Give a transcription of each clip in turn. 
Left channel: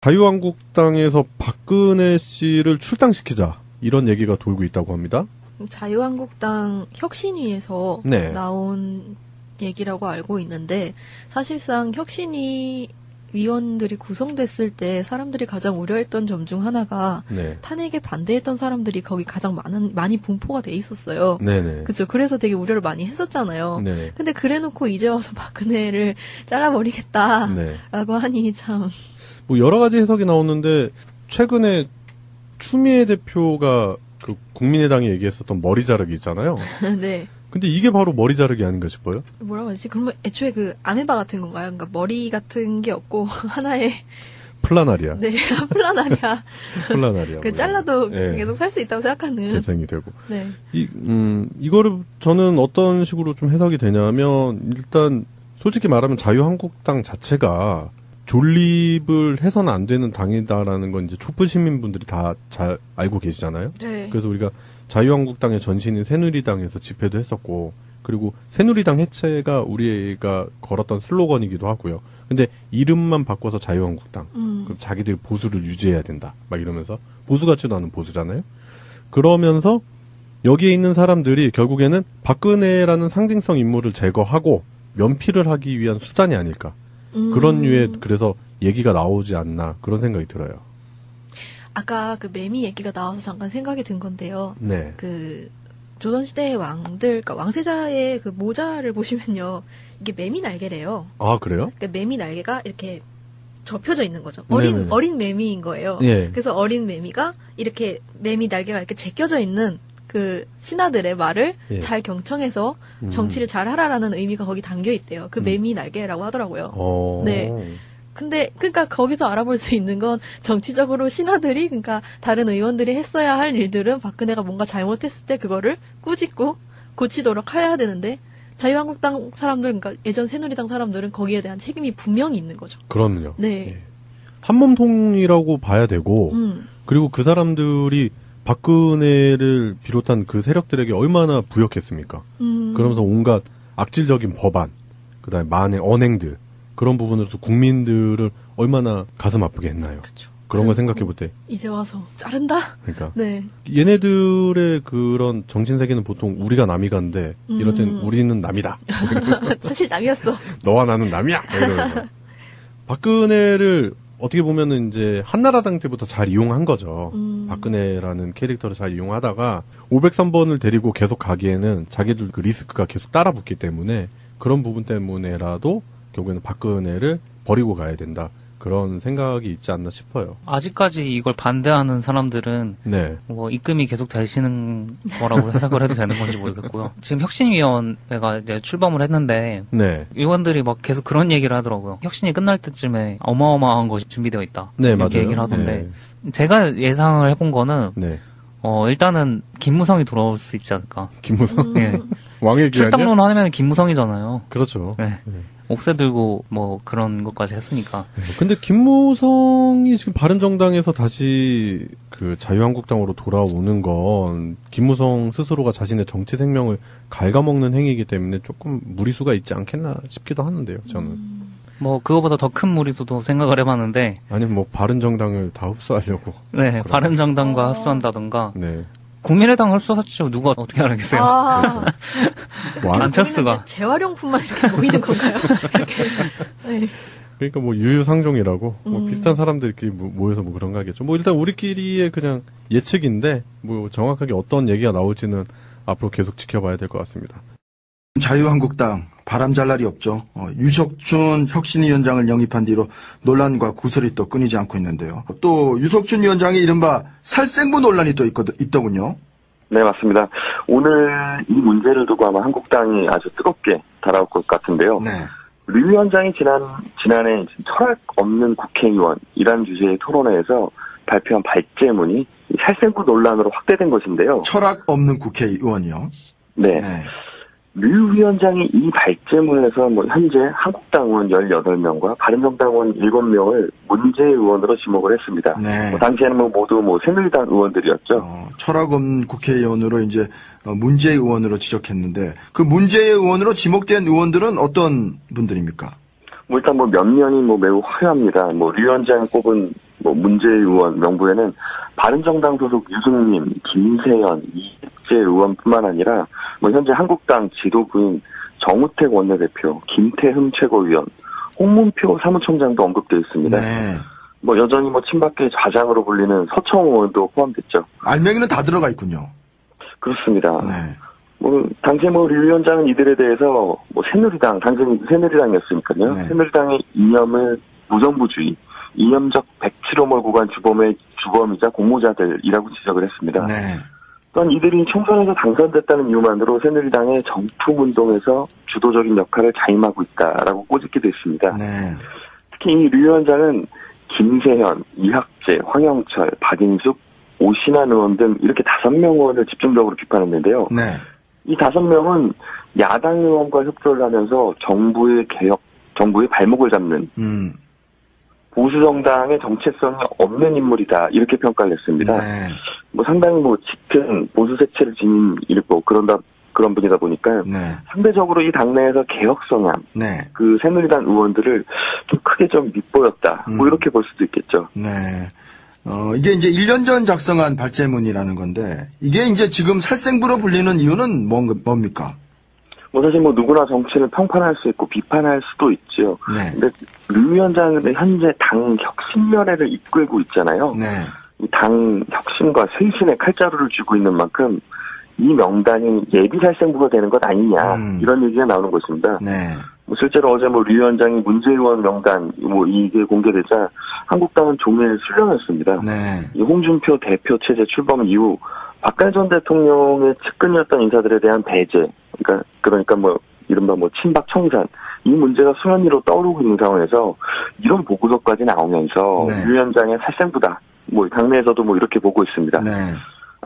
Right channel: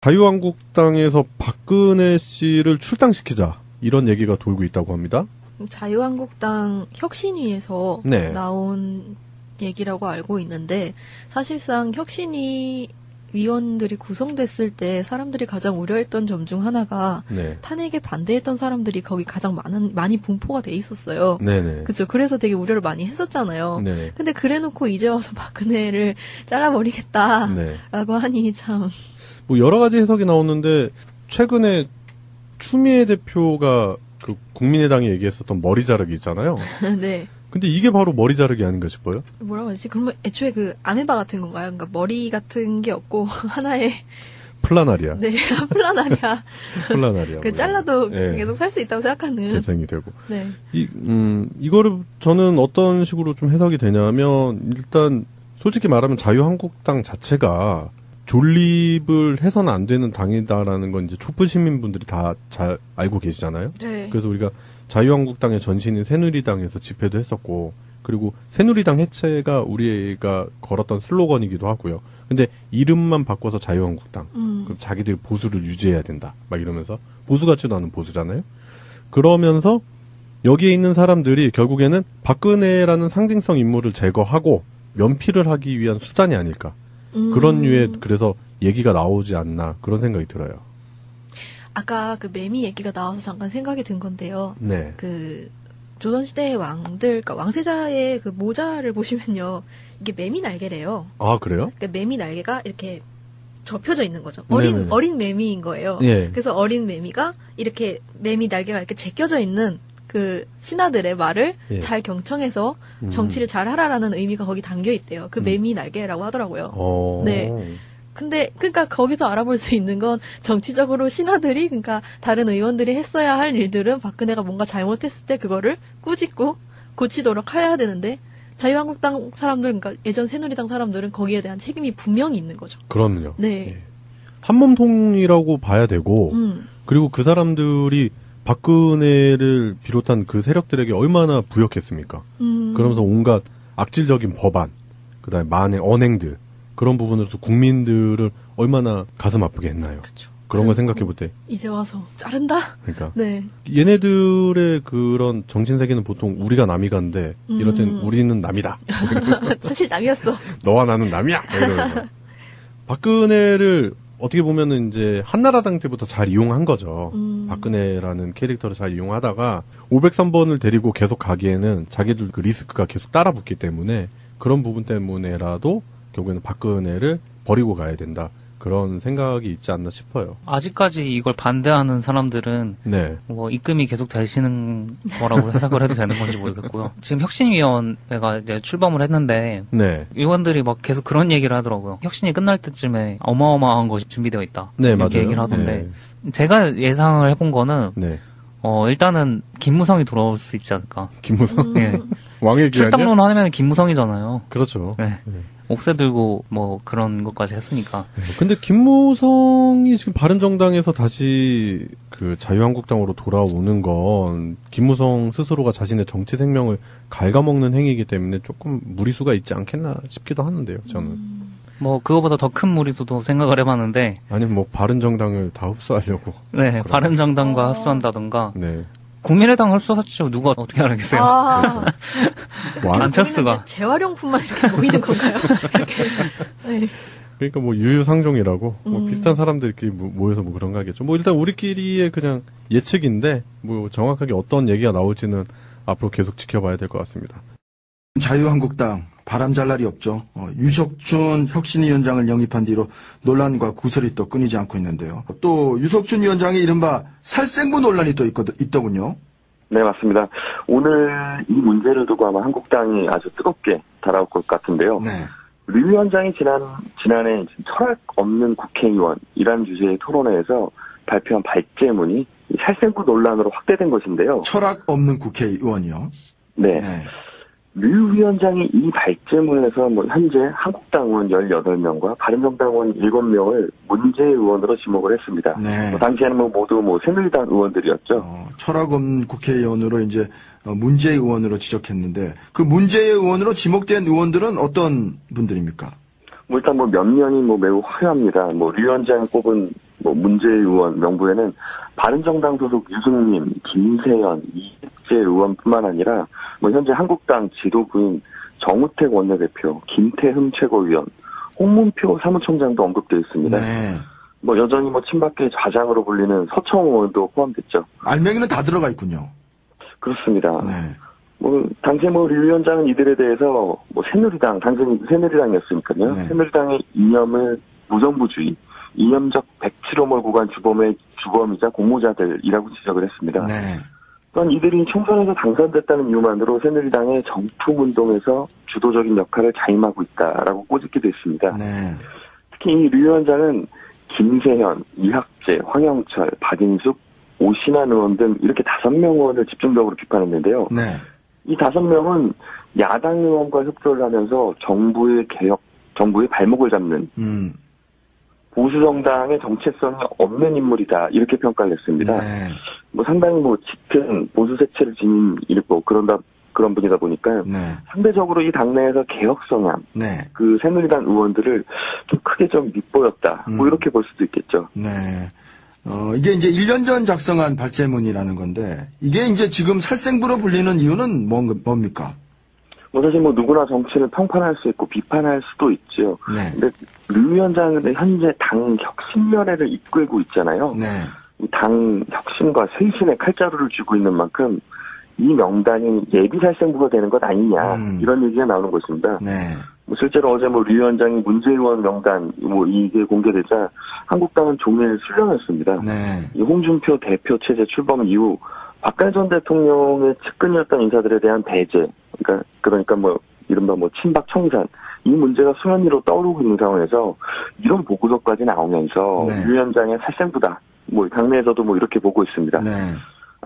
자유한국당에서 박근혜 씨를 출당시키자 이런 얘기가 돌고 있다고 합니다. 자유한국당 혁신위에서 네. 나온 얘기라고 알고 있는데 사실상 혁신위 위원들이 구성됐을 때 사람들이 가장 우려했던 점 중 하나가 네. 탄핵에 반대했던 사람들이 거기 가장 많이 분포가 돼 있었어요. 네네. 그죠. 그래서 되게 우려를 많이 했었잖아요. 네네. 근데 그래놓고 이제 와서 박근혜를 잘라버리겠다라고 네. 하니 참. 뭐 여러 가지 해석이 나오는데 최근에 추미애 대표가 그 국민의당이 얘기했었던 머리 자르기 있잖아요. 네. 근데 이게 바로 머리 자르기 아닌가 싶어요. 뭐라고 하지? 그러면 애초에 그 아메바 같은 건가요? 그러니까 머리 같은 게 없고 하나의 플라나리아. 네, 플라나리아. 플라나리아. 그 잘라도 네. 계속 살 수 있다고 생각하는. 재생이 되고. 네. 이거를 저는 어떤 식으로 좀 해석이 되냐면 일단 솔직히 말하면 자유한국당 자체가 존립을 해서는 안 되는 당이다라는 건 이제 촛불 시민분들이 다 잘 알고 계시잖아요. 네. 그래서 우리가 자유한국당의 전신인 새누리당에서 집회도 했었고, 그리고 새누리당 해체가 우리가 걸었던 슬로건이기도 하고요. 근데 이름만 바꿔서 자유한국당. 그럼 자기들 보수를 유지해야 된다. 막 이러면서 보수 같지도 않은 보수잖아요. 그러면서 여기에 있는 사람들이 결국에는 박근혜라는 상징성 인물을 제거하고 면피를 하기 위한 수단이 아닐까. 그런 류의 그래서 얘기가 나오지 않나 그런 생각이 들어요. 아까 그 매미 얘기가 나와서 잠깐 생각이 든 건데요. 네. 그 조선시대의 왕들, 그러니까 왕세자의 그 모자를 보시면요, 이게 매미 날개래요. 아 그래요? 그러니까 매미 날개가 이렇게 접혀져 있는 거죠. 네네. 어린 매미인 거예요. 예. 그래서 어린 매미가 이렇게 매미 날개가 이렇게 제껴져 있는 그 신하들의 말을 예. 잘 경청해서 정치를 잘 하라라는 의미가 거기 담겨 있대요. 그 매미 날개라고 하더라고요. 네. 근데 그러니까 거기서 알아볼 수 있는 건 정치적으로 신하들이 그러니까 다른 의원들이 했어야 할 일들은 박근혜가 뭔가 잘못했을 때 그거를 꾸짖고 고치도록 해야 되는데 자유한국당 사람들 그러니까 예전 새누리당 사람들은 거기에 대한 책임이 분명히 있는 거죠. 그럼요. 네. 예. 한몸통이라고 봐야 되고 그리고 그 사람들이 박근혜를 비롯한 그 세력들에게 얼마나 부역했습니까? 그러면서 온갖 악질적인 법안, 그다음에 만행, 언행들 그런 부분으로서 국민들을 얼마나 가슴 아프게 했나요? 그쵸. 그런 걸 생각해 볼 때. 이제 와서 자른다? 그러니까. 네. 얘네들의 그런 정신세계는 보통 우리가 남이간데 이럴 땐 우리는 남이다. 사실 남이었어. 너와 나는 남이야. 이러면서. 박근혜를 어떻게 보면은 이제 한나라당 때부터 잘 이용한 거죠. 박근혜라는 캐릭터를 잘 이용하다가 503번을 데리고 계속 가기에는 자기들 그 리스크가 계속 따라붙기 때문에 그런 부분 때문에라도 결국에는 박근혜를 버리고 가야 된다. 그런 생각이 있지 않나 싶어요. 아직까지 이걸 반대하는 사람들은 네. 뭐 입금이 계속 되시는 거라고 해석을 해도 되는 건지 모르겠고요. 지금 혁신위원회가 이제 출범을 했는데 네. 의원들이 막 계속 그런 얘기를 하더라고요. 혁신이 끝날 때쯤에 어마어마한 것이 준비되어 있다. 네, 이렇게 맞아요. 얘기를 하던데 제가 예상을 해본 거는 네. 일단은 김무성이 돌아올 수 있지 않을까. 김무성? 예. 왕의 귀환이요? 출당론 하면 김무성이잖아요. 그렇죠. 네. 옥새 들고 뭐 그런 것까지 했으니까. 근데 김무성이 지금 바른정당에서 다시 그 자유한국당으로 돌아오는 건 김무성 스스로가 자신의 정치 생명을 갉아먹는 행위이기 때문에 조금 무리수가 있지 않겠나 싶기도 하는데요, 저는. 뭐 그거보다 더 큰 무리수도 생각을 해봤는데. 아니면 뭐 바른정당을 다 흡수하려고. 네, 바른정당과 흡수한다던가. 네. 국민의당 흡수하죠. 누가 어떻게 알겠어요? 아. 뭐 안철수가. 재활용품만 이렇게 모이는 건가요? 이렇게. 네. 그러니까 뭐 유유상종이라고 뭐 비슷한 사람들끼리 모여서 뭐 그런 거 하겠죠. 뭐 일단 우리끼리의 그냥 예측인데 뭐 정확하게 어떤 얘기가 나올지는 앞으로 계속 지켜봐야 될 것 같습니다. 자유한국당 바람 잘 날이 없죠. 유석춘 혁신위원장을 영입한 뒤로 논란과 구설이 또 끊이지 않고 있는데요. 또 유석춘 위원장의 이른바 살생부 논란이 또 있더군요. 네, 맞습니다. 오늘 이 문제를 두고 아마 한국당이 아주 뜨겁게 달아올 것 같은데요. 네. 류 위원장이 지난해 철학 없는 국회의원이라는 주제의 토론회에서 발표한 발제문이 살생부 논란으로 확대된 것인데요. 철학 없는 국회의원이요? 네. 네. 류 위원장이 이 발제문에서 뭐 현재 한국당 의원 18명과 바른정당 의원 7명을 문제 의원으로 지목을 했습니다. 네. 당시에는 모두 새누리당 의원들이었죠. 철학 없는 국회의원으로 이제 문재 의원으로 지적했는데 그 문재 의원으로 지목된 의원들은 어떤 분들입니까? 일단 몇 면이 매우 화려합니다. 류 위원장이 꼽은 뭐 문재인 의원 명부에는 바른정당 소속 유승민, 김세연, 이혜재 의원뿐만 아니라 뭐 현재 한국당 지도부인 정우택 원내대표, 김태흠 최고위원, 홍문표 사무총장도 언급되어 있습니다. 네. 뭐 여전히 뭐 친박계 좌장으로 불리는 서청 의원도 포함됐죠. 알맹이는 다 들어가 있군요. 그렇습니다. 네. 뭐 당시 뭐 류 위원장은 이들에 대해서 뭐 새누리당, 당선이 새누리당이었으니까요. 네. 새누리당의 이념을 무정부주의, 이념적 백치로 몰고 간 주범이자 공모자들이라고 지적을 했습니다. 네. 또한 이들이 총선에서 당선됐다는 이유만으로 새누리당의 정품운동에서 주도적인 역할을 자임하고 있다라고 꼬집기도 했습니다. 네. 특히 이 류 위원장은 김세현, 이학재, 황영철, 박인숙, 오신환 의원 등 이렇게 5명 의원을 집중적으로 비판했는데요. 네. 이 5명은 야당 의원과 협조를 하면서 정부의 발목을 잡는 보수 정당의 정체성이 없는 인물이다 이렇게 평가를 했습니다. 네. 뭐 상당히 뭐 짙은 보수 색채를 지닌 일고 그런 분이다 보니까 네. 상대적으로 이 당내에서 개혁 성향, 네. 그 새누리당 의원들을 좀 크게 좀 밑보였다. 뭐 이렇게 볼 수도 있겠죠. 네. 이게 이제 1년 전 작성한 발제문이라는 건데, 이게 이제 지금 살생부로 불리는 이유는 뭡니까? 뭐 사실 뭐 누구나 정치를 평판할 수 있고 비판할 수도 있죠. 네. 근데 류 위원장은 현재 당 혁신연회를 이끌고 있잖아요. 네. 이 당 혁신과 쇄신의 칼자루를 쥐고 있는 만큼 이 명단이 예비 살생부가 되는 것 아니냐 이런 얘기가 나오는 것입니다. 네. 뭐 실제로 어제 뭐 류 위원장이 문재인 의원 명단 뭐 이게 공개되자 한국당은 종일 술렁였습니다. 네. 이 홍준표 대표 체제 출범 이후 박근혜 전 대통령의 측근이었던 인사들에 대한 배제, 그러니까 뭐 이른바 뭐 친박 청산 이 문제가 수면 위로 떠오르고 있는 상황에서 이런 보고서까지 나오면서 네. 류 위원장의 살생부다. 뭐 당내에서도 뭐 이렇게 보고 있습니다. 네.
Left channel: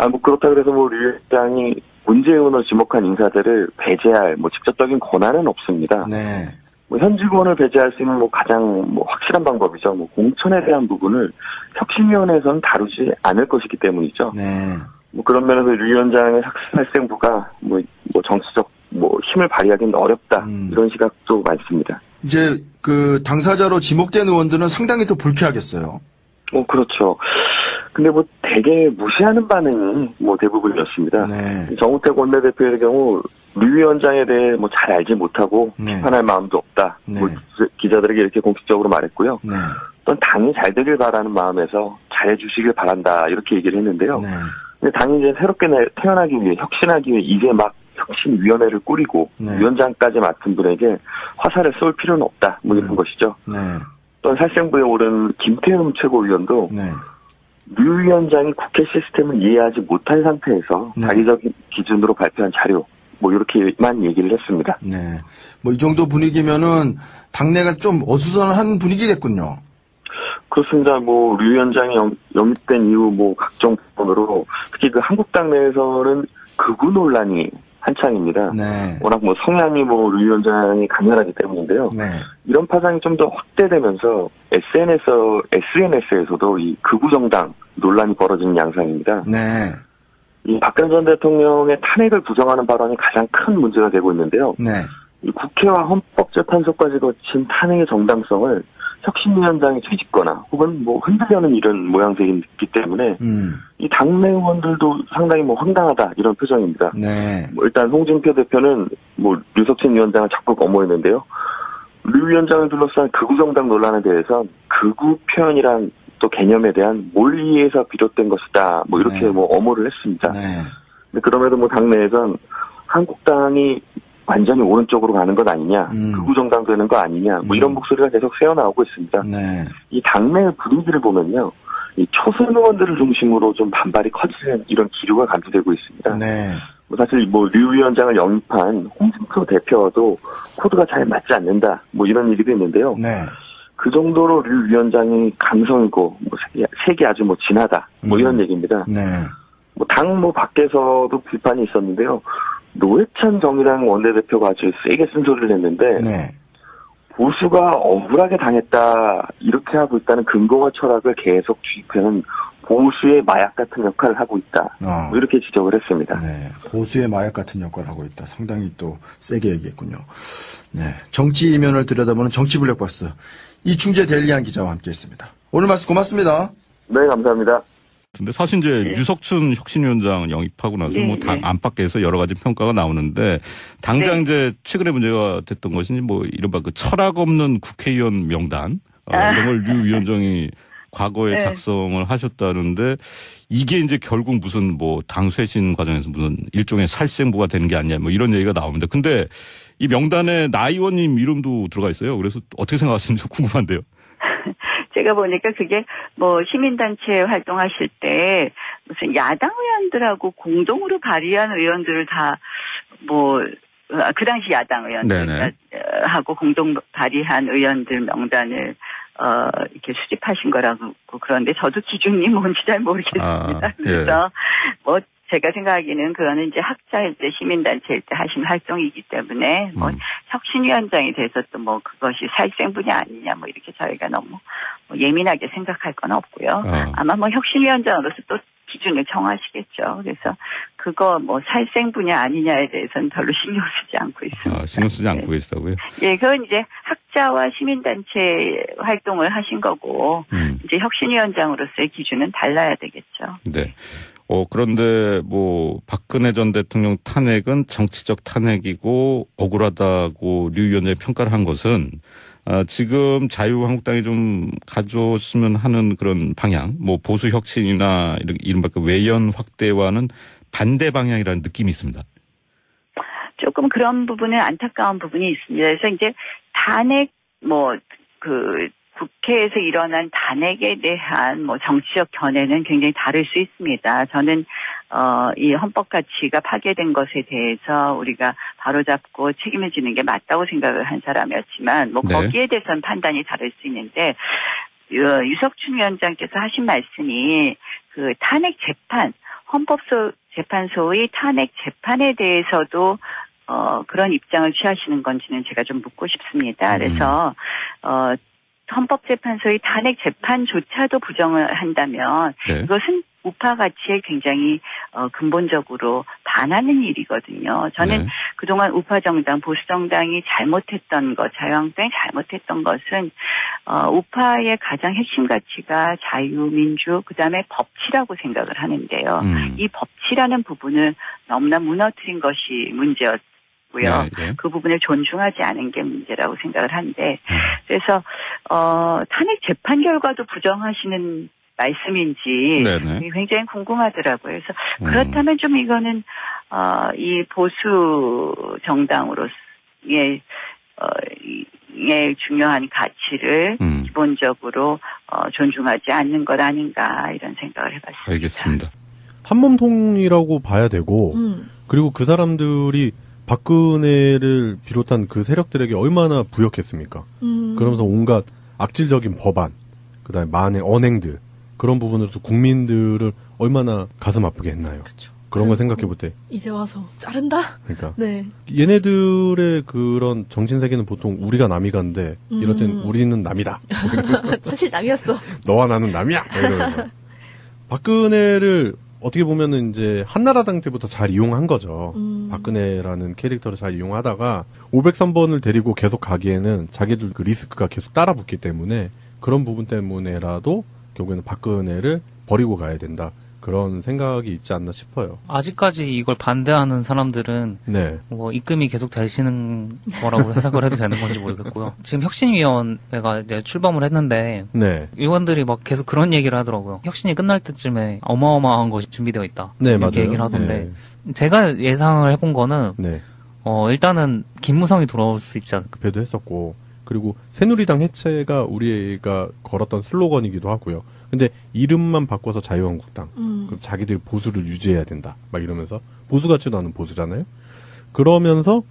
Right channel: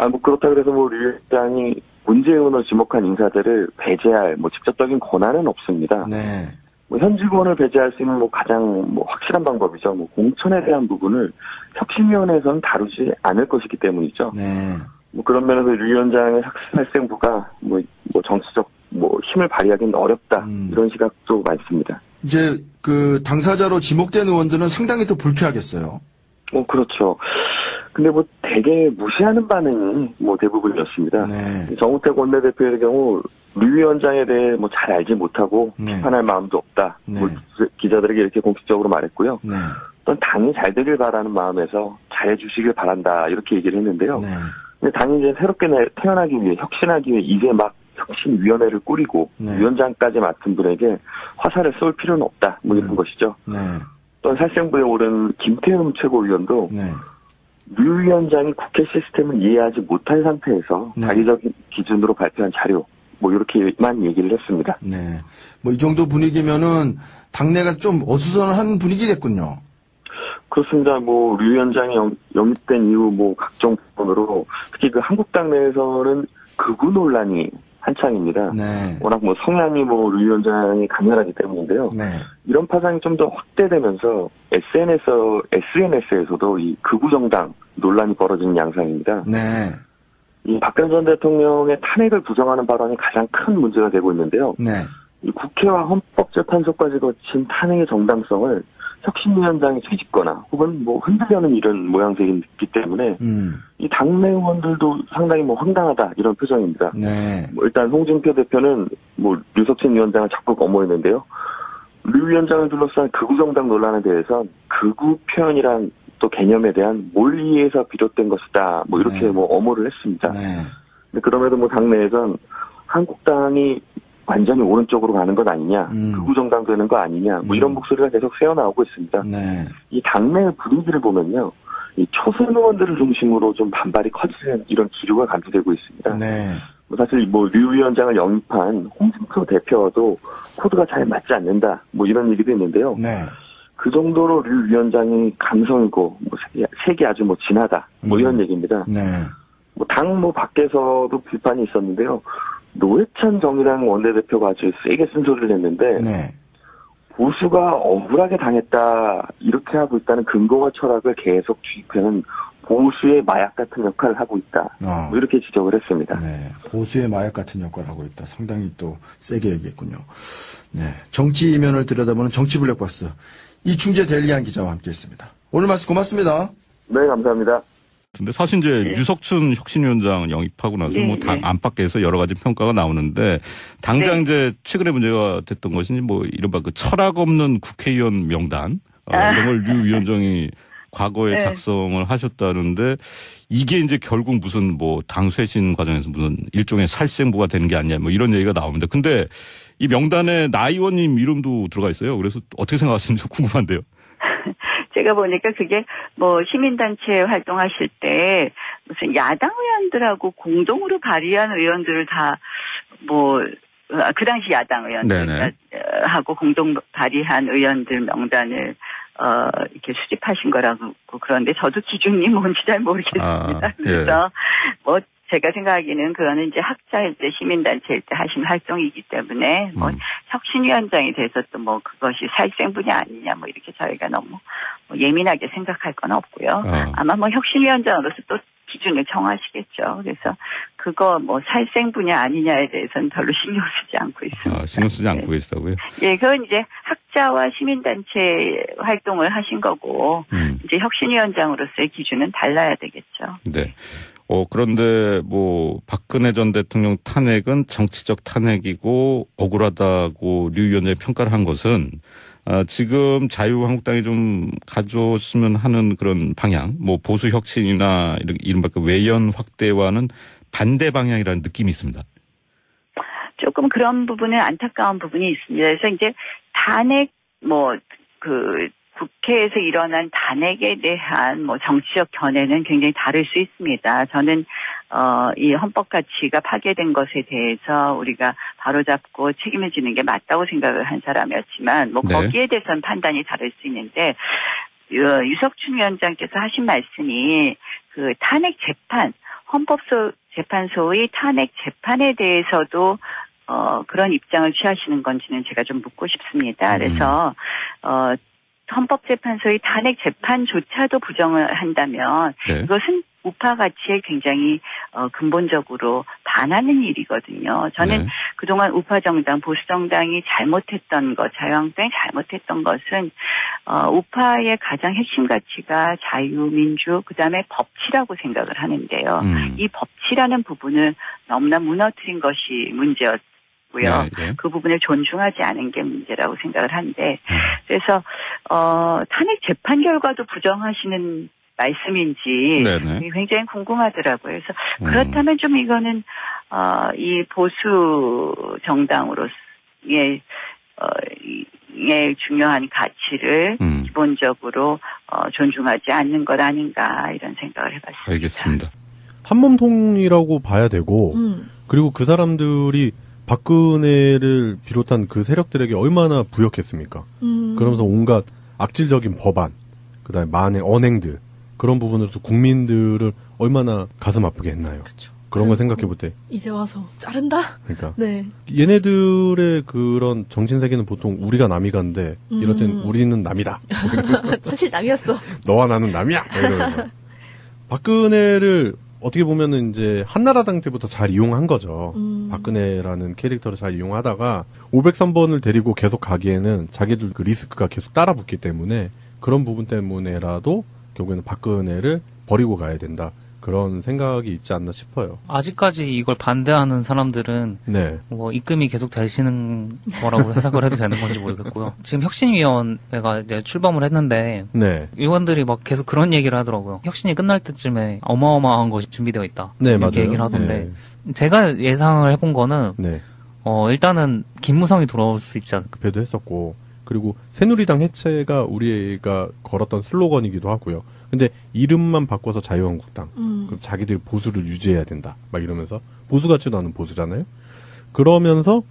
뭐 그렇다 그래서 뭐 류 위원장이 문재인 의원을 지목한 인사들을 배제할 뭐 직접적인 권한은 없습니다. 네. 뭐 현직원을 배제할 수 있는 뭐 가장 뭐 확실한 방법이죠. 뭐 공천에 대한 부분을 혁신위원회에서는 다루지 않을 것이기 때문이죠. 네. 뭐 그런 면에서 류 위원장의 살생부가 뭐 정치적 뭐 힘을 발휘하기는 어렵다 이런 시각도 많습니다. 이제 그 당사자로 지목된 의원들은 상당히 더 불쾌하겠어요. 그렇죠. 근데 뭐 되게 무시하는 반응이 뭐 대부분이었습니다. 네. 정우택 원내대표의 경우 류 위원장에 대해 뭐 잘 알지 못하고 네. 비판할 마음도 없다. 네. 뭐 기자들에게 이렇게 공식적으로 말했고요. 네. 또 당이 잘 되길 바라는 마음에서 잘해주시길 바란다 이렇게 얘기를 했는데요. 네. 근데 당이 이제 새롭게 태어나기 위해 혁신하기 위해 이제 막 혁신위원회를 꾸리고 네. 위원장까지 맡은 분에게 화살을 쏠 필요는 없다. 뭐 이런 것이죠. 네. 또 살생부에 오른 김태흠 최고위원도 네. 류 위원장이 국회 시스템을 이해하지 못한 상태에서 네. 자기적인 기준으로 발표한 자료 뭐 이렇게만 얘기를 했습니다. 네. 뭐 이 정도 분위기면은 당내가 좀 어수선한 분위기겠군요. 그렇습니다. 뭐 류 위원장이 영입된 이후 뭐 각종 부분으로 특히 그 한국당 내에서는 극우 논란이 한창입니다. 네. 워낙 뭐 성향이 뭐 류 위원장이 강렬하기 때문인데요. 네. 이런 파장이 좀 더 확대되면서 SNS에서도 이 극우 정당 논란이 벌어지는 양상입니다. 네. 이 박근혜 전 대통령의 탄핵을 부정하는 발언이 가장 큰 문제가 되고 있는데요. 네. 이 국회와 헌법재판소까지 거친 탄핵의 정당성을 혁신위원장이 뒤집거나 혹은 뭐 흔들려는 이런 모양새이기 때문에 이 당내 의원들도 상당히 뭐 황당하다 이런 표정입니다. 네. 뭐 일단 홍준표 대표는 뭐 류석진 위원장을 자꾸 거머했는데요. 류 위원장을 둘러싼 극우 정당 논란에 대해서 극우 표현이란 또 개념에 대한 몰이에서 비롯된 것이다. 뭐 이렇게 네. 뭐 엄호를 했습니다. 네. 근데 그럼에도 뭐 당내에선 한국당이 완전히 오른쪽으로 가는 것 아니냐, 극우 정당 되는 거 아니냐, 뭐 이런 목소리가 계속 새어나오고 있습니다. 네. 이 당내 분위기를 보면요, 이 초선 의원들을 중심으로 좀 반발이 커지는 이런 기류가 감지되고 있습니다. 네. 뭐 사실 뭐 류 위원장을 영입한 홍준표 대표와도 코드가 잘 맞지 않는다, 뭐 이런 얘기도 있는데요. 네. 그 정도로 류 위원장이 감성이고 뭐 색이 아주 뭐 진하다, 뭐 이런 얘기입니다. 네. 뭐 당 뭐 밖에서도 비판이 있었는데요. 노회찬 정의당 원내대표가 아주 세게 쓴소리를 했는데 네. 보수가 억울하게 당했다 이렇게 하고 있다는 근거와 철학을 계속 주입하는 보수의 마약 같은 역할을 하고 있다. 뭐 이렇게 지적을 했습니다. 네. 보수의 마약 같은 역할을 하고 있다. 상당히 또 세게 얘기했군요. 네. 정치 이면을 들여다보는 정치 블랙박스 이충재 데일리안 기자와 함께했습니다. 오늘 말씀 고맙습니다. 네, 감사합니다. 근데 사실 이제 유석춘 혁신위원장 영입하고 나서 뭐 당 안팎에서 여러 가지 평가가 나오는데 당장 이제 최근에 문제가 됐던 것이 뭐 이른바 그 철학 없는 국회의원 명단 이런 걸 류 위원장이 과거에 작성을 하셨다는데 이게 이제 결국 무슨 뭐 당 쇄신 과정에서 무슨 일종의 살생부가 되는 게 아니냐 뭐 이런 얘기가 나옵니다. 근데 이 명단에 나 의원님 이름도 들어가 있어요. 그래서 어떻게 생각하시는지 궁금한데요. 제가 보니까 그게 뭐 시민단체 활동하실 때 무슨 야당 의원들하고 공동으로 발의한 의원들을 다 뭐 그 당시 야당 의원들하고 공동 발의한 의원들 명단을 이렇게 수집하신 거라고 그런데 저도 기준이 뭔지 잘 모르겠습니다. 그래서 뭐 제가 생각하기에는 그거는 이제 학자일 때 시민단체일 때 하신 활동이기 때문에 뭐 혁신위원장이 돼서 또 뭐 그것이 살생분이 아니냐 뭐 이렇게 저희가 너무 뭐 예민하게 생각할 건 없고요. 아마 뭐 혁신위원장으로서 또 기준을 정하시겠죠. 그래서 그거 뭐 살생분이 아니냐에 대해서는 별로 신경 쓰지 않고 있습니다. 신경 쓰지 않고 계시다고요? 예, 그건 이제 학자와 시민단체 활동을 하신 거고 이제 혁신위원장으로서의 기준은 달라야 되겠죠. 네. 그런데 뭐 박근혜 전 대통령 탄핵은 정치적 탄핵이고 억울하다고 류 위원장이 평가를 한 것은 지금 자유한국당이 좀 가져왔으면 하는 그런 방향, 뭐 보수 혁신이나 이른바 그 외연 확대와는 반대 방향이라는 느낌이 있습니다. 조금 그런 부분은 안타까운 부분이 있습니다. 그래서 이제 탄핵 국회에서 일어난 탄핵에 대한 뭐 정치적 견해는 굉장히 다를 수 있습니다. 저는 이 헌법 가치가 파괴된 것에 대해서 우리가 바로잡고 책임을 지는 게 맞다고 생각을 한 사람이었지만 뭐 거기에 대해서는 판단이 다를 수 있는데 유석춘 위원장께서 하신 말씀이 그 탄핵 재판 헌법재판소의 탄핵 재판에 대해서도 그런 입장을 취하시는 건지는 제가 좀 묻고 싶습니다. 그래서 헌법재판소의 탄핵 재판조차도 부정을 한다면 이것은 우파 가치에 굉장히 근본적으로 반하는 일이거든요. 저는 그동안 우파 정당, 보수 정당이 잘못했던 것, 자유한국당이 잘못했던 것은 우파의 가장 핵심 가치가 자유, 민주, 그다음에 법치라고 생각을 하는데요. 이 법치라는 부분을 너무나 무너뜨린 것이 문제였습니다. 그 부분을 존중하지 않은 게 문제라고 생각을 하는데 그래서 탄핵 재판 결과도 부정하시는 말씀인지 굉장히 궁금하더라고요. 그래서 그렇다면 좀 이거는 이 보수 정당으로서의 중요한 가치를 기본적으로 존중하지 않는 것 아닌가 이런 생각을 해봤습니다. 알겠습니다. 한몸통이라고 봐야 되고 그리고 그 사람들이 박근혜를 비롯한 그 세력들에게 얼마나 부역했습니까? 그러면서 온갖 악질적인 법안, 그다음에 만의 언행들 그런 부분으로서 국민들을 얼마나 가슴 아프게 했나요? 그쵸. 그런 걸 생각해 볼 때 이제 와서 자른다. 그러니까 네. 얘네들의 그런 정신 세계는 보통 우리가 남이간데 이럴 땐 우리는 남이다. 사실 남이었어. 너와 나는 남이야. 이러면서 박근혜를 어떻게 보면은 이제 한나라당 때부터 잘 이용한 거죠. 박근혜라는 캐릭터를 잘 이용하다가 503번을 데리고 계속 가기에는 자기들 그 리스크가 계속 따라붙기 때문에 그런 부분 때문에라도 결국에는 박근혜를 버리고 가야 된다. 그런 생각이 있지 않나 싶어요. 아직까지 이걸 반대하는 사람들은 뭐 입금이 계속 되시는 거라고 해석을 해도 되는 건지 모르겠고요. 지금 혁신위원회가 이제 출범을 했는데 의원들이 막 계속 그런 얘기를 하더라고요. 혁신이 끝날 때쯤에 어마어마한 것이 준비되어 있다. 이렇게 맞아요. 얘기를 하던데 제가 예상을 해본 거는 일단은 김무성이 돌아올 수 있지 않을까. 배도 했었고 그리고 새누리당 해체가 우리가 걸었던 슬로건이기도 하고요. 근데 이름만 바꿔서 자유한국당. 그럼 자기들 보수를 유지해야 된다. 막 이러면서 보수 같지도 않은 보수잖아요. 그러면서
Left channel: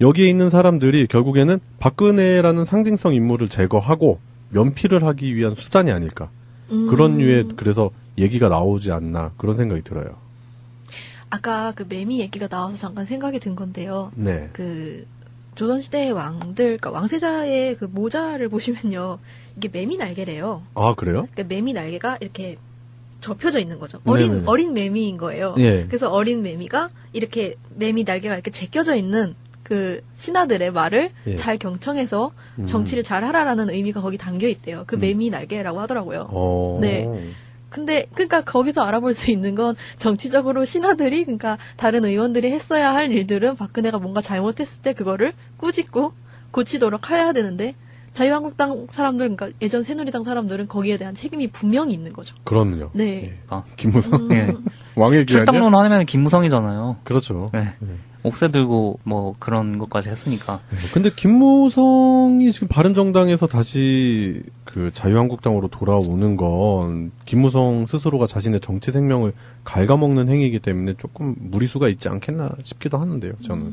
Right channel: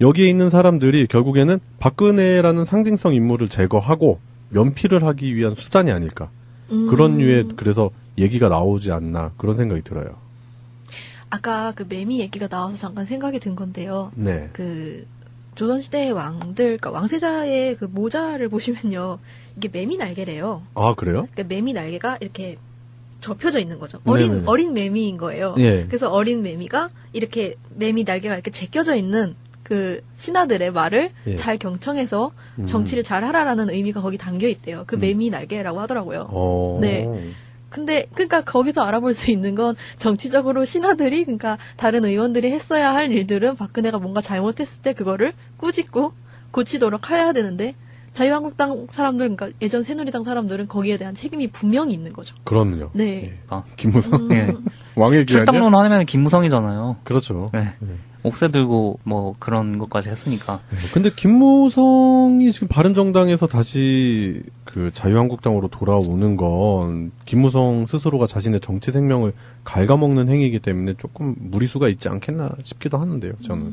여기에 있는 사람들이 결국에는 박근혜라는 상징성 인물을 제거하고 면피를 하기 위한 수단이 아닐까. 그런 류의 그래서 얘기가 나오지 않나 그런 생각이 들어요. 아까 그 매미 얘기가 나와서 잠깐 생각이 든 건데요. 그 조선시대의 왕들, 그러니까 왕세자의 그 모자를 보시면요. 이게 매미 날개래요. 아, 그래요? 그러니까 매미 날개가 이렇게 접혀져 있는 거죠. 어린 매미인 거예요. 그래서 어린 매미가 이렇게 매미 날개가 이렇게 제껴져 있는 그 신하들의 말을 잘 경청해서 정치를 잘 하라라는 의미가 거기 담겨 있대요. 그 매미 날개라고 하더라고요. 네. 근데 그러니까 거기서 알아볼 수 있는 건 정치적으로 신하들이 그러니까 다른 의원들이 했어야 할 일들은 박근혜가 뭔가 잘못했을 때 그거를 꾸짖고 고치도록 해야 되는데 자유한국당 사람들 그러니까 예전 새누리당 사람들은 거기에 대한 책임이 분명히 있는 거죠. 그럼요. 네. 김무성 왕의 출당론 하면 김무성이잖아요. 그렇죠. 네. 옥새 들고 뭐 그런 것까지 했으니까. 근데 김무성이 지금 바른정당에서 다시 그 자유한국당으로 돌아오는 건 김무성 스스로가 자신의 정치 생명을 갉아먹는 행위이기 때문에 조금 무리수가 있지 않겠나 싶기도 하는데요. 저는.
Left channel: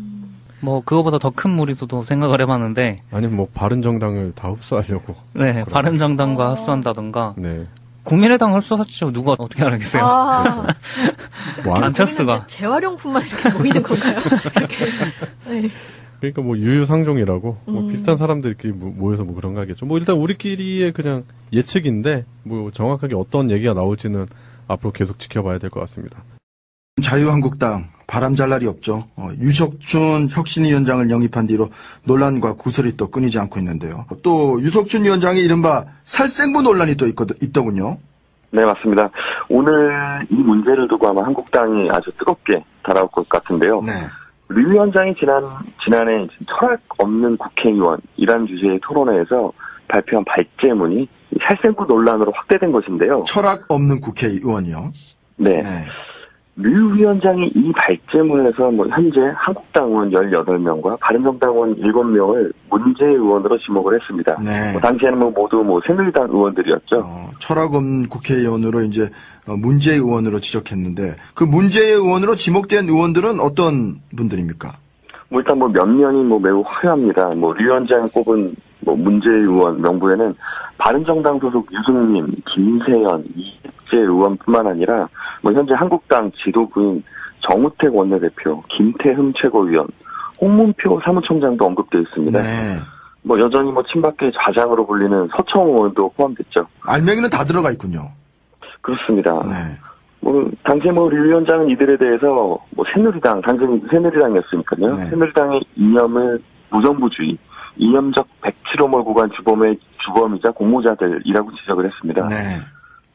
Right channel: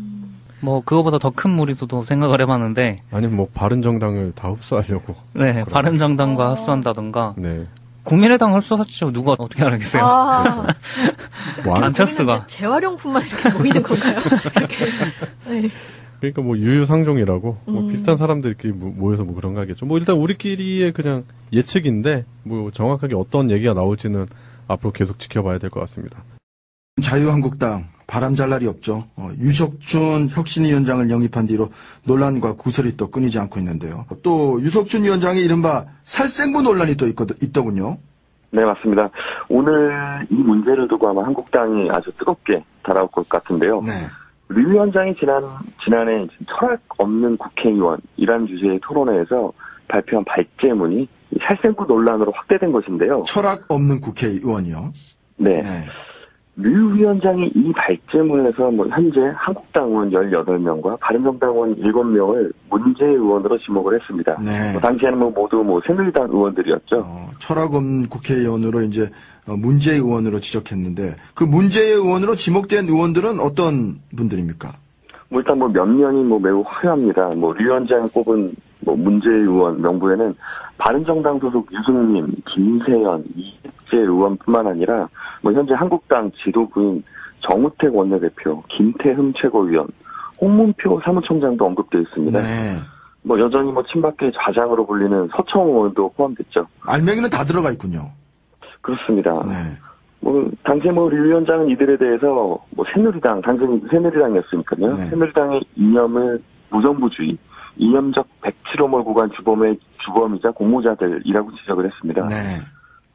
뭐 그거보다 더 큰 무리수도 생각을 해봤는데. 아니면 뭐 바른정당을 다 흡수하려고. 네, 바른정당과 흡수한다던가. 네. 국민의당 흡수하죠. 누가 어떻게 알겠어요? 안철수가 재활용품만 이렇게 모이는 건가요? 이렇게. 네. 그러니까 뭐 유유상종이라고 뭐 비슷한 사람들끼리 모여서 뭐 그런 거 하겠죠. 뭐 일단 우리끼리의 그냥 예측인데 뭐 정확하게 어떤 얘기가 나올지는 앞으로 계속 지켜봐야 될 것 같습니다. 자유한국당 바람 잘 날이 없죠. 유석춘 혁신위원장을 영입한 뒤로 논란과 구설이 또 끊이지 않고 있는데요. 또 유석춘 위원장의 이른바 살생부 논란이 또 있더군요. 네, 맞습니다. 오늘 이 문제를 두고 아마 한국당이 아주 뜨겁게 달아올 것 같은데요. 네. 류 위원장이 지난해 철학 없는 국회의원이라는 주제의 토론회에서 발표한 발제문이 살생부 논란으로 확대된 것인데요. 철학 없는 국회의원이요? 네. 류 위원장이 이 발제문에서 현재 한국당 의원 18명과 바른정당 의원 7명을 문제 의원으로 지목을 했습니다. 네. 당시에는 모두 새누리당 의원들이었죠. 철학 없는 국회의원으로 이제 문제 의원으로 지적했는데 그 문제 의원으로 지목된 의원들은 어떤 분들입니까? 일단 면면이 매우 화려합니다. 류 위원장이 꼽은 문제 의원 명부에는 바른정당 소속 유승민, 김세연, 이재 의원뿐만 아니라 현재 한국당 지도부인 정우택 원내대표, 김태흠 최고위원, 홍문표 사무총장도 언급되어 있습니다. 네. 여전히 친박계 좌장으로 불리는 서청 의원도 포함됐죠. 알맹이는 다 들어가 있군요. 그렇습니다. 네. 당시에 류 위원장은 이들에 대해서 새누리당, 당시 새누리당이었으니까요. 네. 새누리당의 이념을 무정부주의, 이념적 백치로 몰고 간 주범이자 공모자들이라고 지적을 했습니다. 네.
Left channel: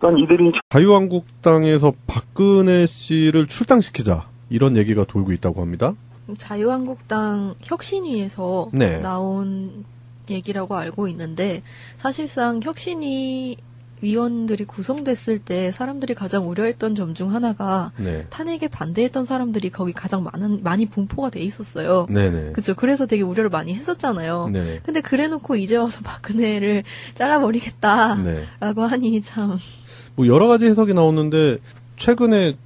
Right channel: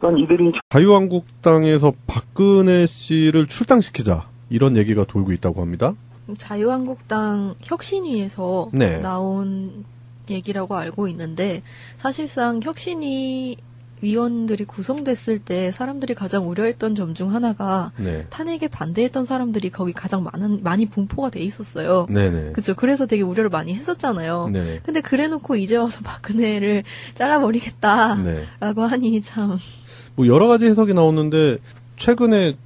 또한 이들이 자유한국당에서 박근혜 씨를 출당시키자 이런 얘기가 돌고 있다고 합니다. 자유한국당 혁신위에서 나온 얘기라고 알고 있는데 사실상 혁신위 위원들이 구성됐을 때 사람들이 가장 우려했던 점 중 하나가 탄핵에 반대했던 사람들이 거기 가장 많이 분포가 돼 있었어요. 그렇죠. 그래서 되게 우려를 많이 했었잖아요. 근데 그래놓고 이제 와서 박근혜를 잘라버리겠다라고 하니 참. 여러 가지 해석이 나오는데 최근에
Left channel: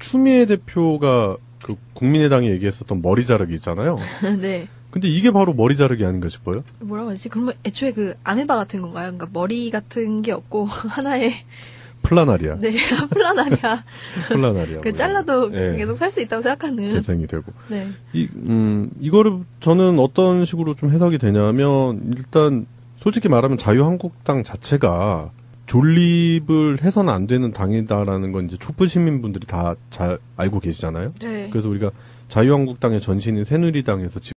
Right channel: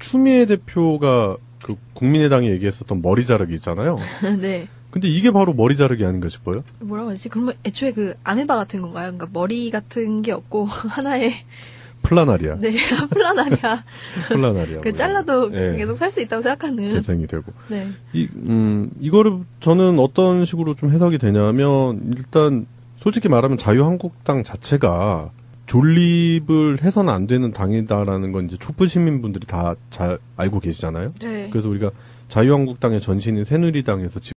추미애 대표가 그 국민의당이 얘기했었던 머리 자르기 있잖아요. 네. 근데 이게 바로 머리 자르기 아닌가 싶어요? 뭐라고 하지? 그러면 애초에 그 아메바 같은 건가요? 그러니까 머리 같은 게 없고 하나의 플라나리아. 네, 플라나리아. 플라나리아. 그 잘라도 계속 살 수 있다고 생각하는. 재생이 되고. 네. 이거를 저는 어떤 식으로 좀 해석이 되냐면 일단 솔직히 말하면 자유한국당 자체가 존립을 해서는 안 되는 당이다라는 건 이제 촛불 시민분들이 다 잘 알고 계시잖아요. 네. 그래서 우리가 자유한국당의 전신인 새누리당에서